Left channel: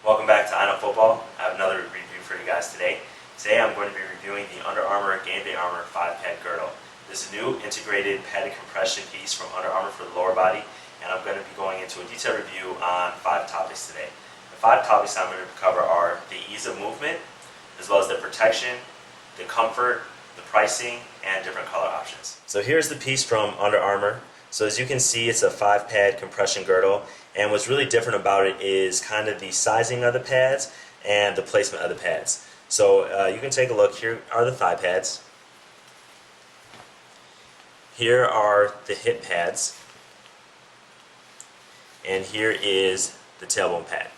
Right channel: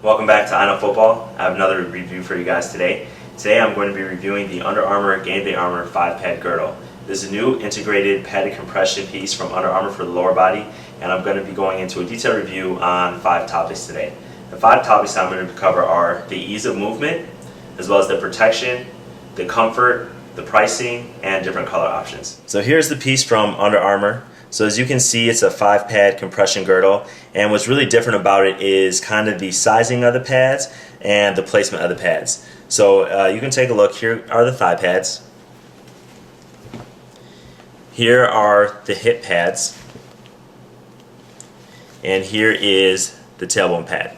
Welcome back to I Know Football. I have another review for you guys today. Today I'm going to be reviewing the Under Armour Gameday Armour 5-pad girdle. This is a new integrated padded compression piece from Under Armour for the lower body, and I'm going to be going into a detailed review on 5 topics today. The 5 topics I'm going to cover are the ease of movement, as well as the protection, the comfort, the pricing, and different color options. So here's the piece from Under Armour. So as you can see, it's a 5-pad compression girdle, and what's really different about it is kind of the sizing of the pads and the placement of the pads. So you can take a look. Here are the thigh pads. Here are the hip pads, and here is the tailbone pad.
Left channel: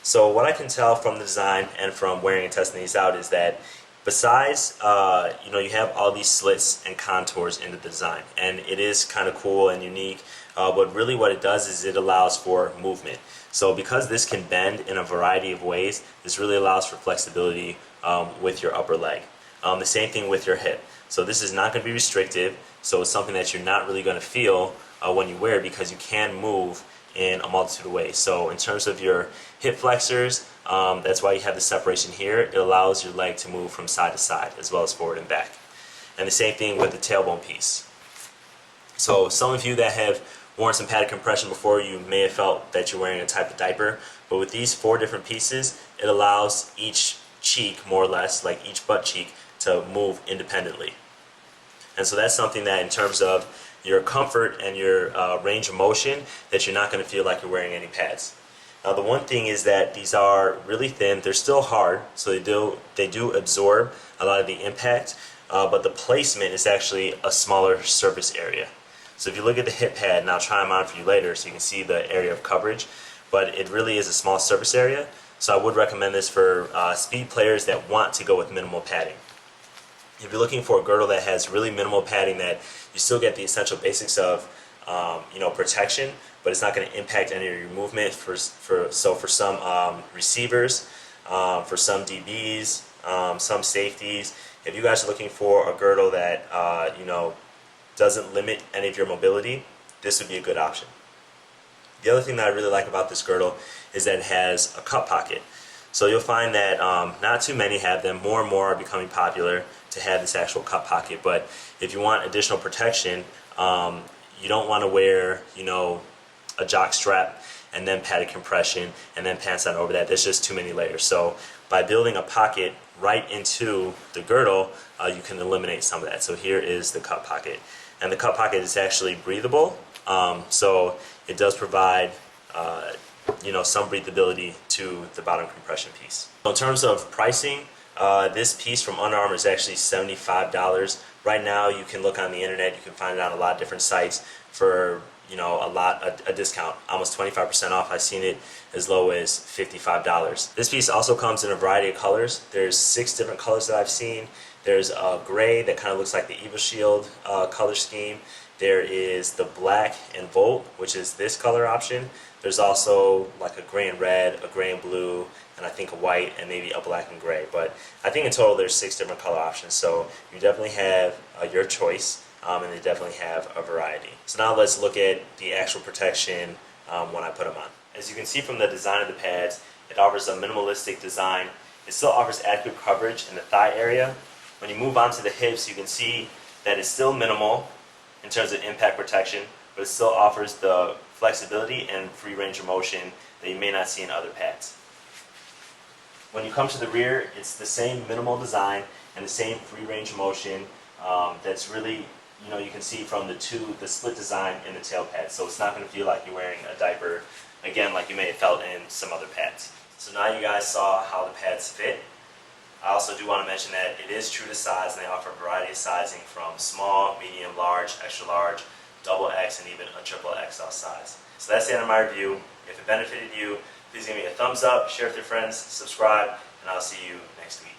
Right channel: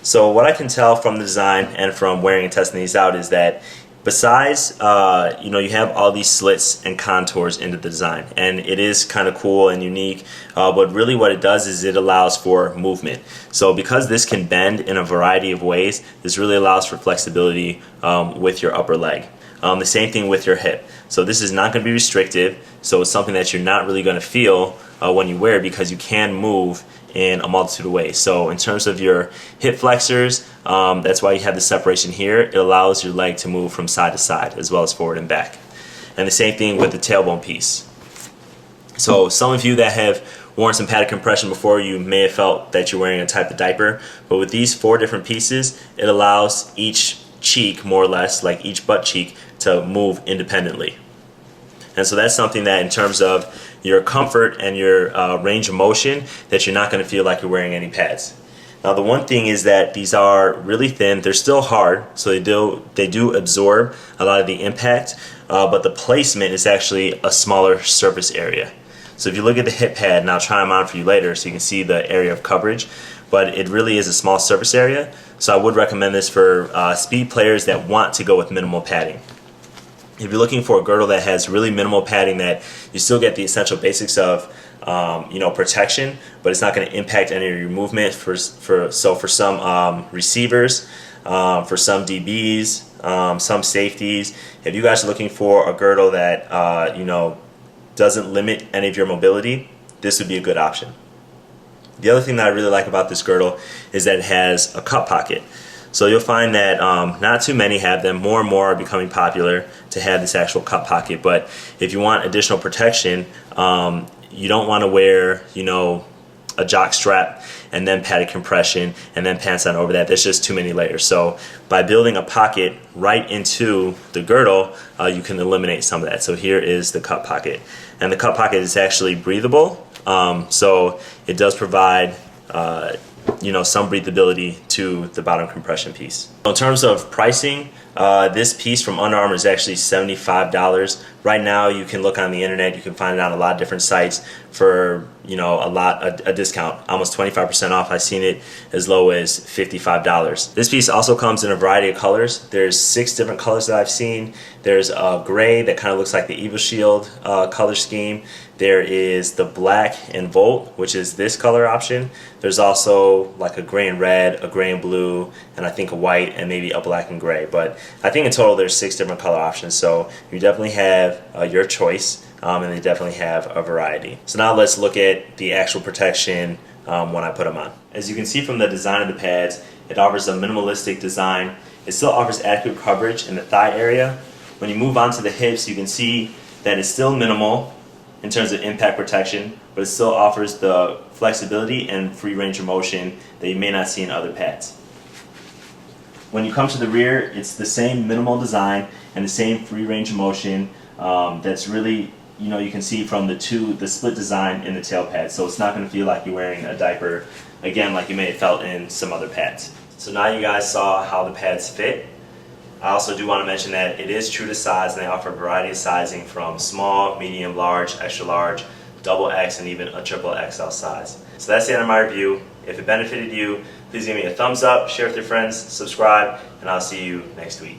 So what I can tell from the design and from wearing and testing these out is that besides, you have all these slits and contours into the design, and it is kind of cool and unique, but really what it does is it allows for movement. So because this can bend in a variety of ways, this really allows for flexibility with your upper leg. The same thing with your hip. So this is not going to be restrictive, so it's something that you're not really going to feel when you wear, because you can move in a multitude of ways. So in terms of your hip flexors, that's why you have the separation here. It allows your leg to move from side to side as well as forward and back. And the same thing with the tailbone piece. So some of you that have worn some padded compression before, you may have felt that you're wearing a type of diaper, but with these 4 different pieces, it allows each cheek, more or less, like each butt cheek, to move independently. And so that's something that in terms of your comfort and your range of motion, that you're not going to feel like you're wearing any pads. Now the one thing is that these are really thin. They're still hard, so they do absorb a lot of the impact, but the placement is actually a smaller surface area. So if you look at the hip pad, and I'll try them on for you later so you can see the area of coverage, but it really is a small surface area. So I would recommend this for speed players that want to go with minimal padding. If you're looking for a girdle that has really minimal padding, that you still get the essential basics of protection, but it's not going to impact any of your movement. For some receivers, for some DBs, some safeties, if you guys are looking for a girdle that doesn't limit any of your mobility, this would be a good option. The other thing that I really like about this girdle is that it has a cup pocket. So you'll find that not too many have them. More and more are becoming popular to have this actual cup pocket. But if you want additional protection, you don't want to wear, a jock strap and then padded compression and then pants on over that. There's just too many layers. So by building a pocket right into the girdle, you can eliminate some of that. So here is the cup pocket. And the cup pocket is actually breathable. So it does provide some breathability to the bottom compression piece. In terms of pricing, this piece from Under Armour is actually $75. Right now you can look on the internet, you can find it on a lot of different sites for a discount, almost 25% off. I've seen it as low as $55. This piece also comes in a variety of colors. There's 6 different colors that I've seen. There's a gray that kind of looks like the Evil Shield color scheme. There is the black and Volt, which is this color option. There's also like a gray and red, a gray and blue, and I think a white, and maybe a black and gray. But I think in total there's 6 different color options, so you definitely have your choice, and they definitely have a variety. So now let's look at the actual protection when I put them on. As you can see from the design of the pads, it offers a minimalistic design. It still offers adequate coverage in the thigh area. When you move on to the hips, you can see that it's still minimal in terms of impact protection, but it still offers the flexibility and free range of motion that you may not see in other pads. When you come to the rear, it's the same minimal design and the same free range of motion that's really, you can see from the split design in the tail pad. So it's not going to feel like you're wearing a diaper, again, like you may have felt in some other pads. So now you guys saw how the pads fit. I also do want to mention that it is true to size, and they offer a variety of sizing from small, medium, large, extra large, double X, and even a triple XL size. So that's the end of my review. If it benefited you, please give me a thumbs up, share with your friends, subscribe, and I'll see you next week.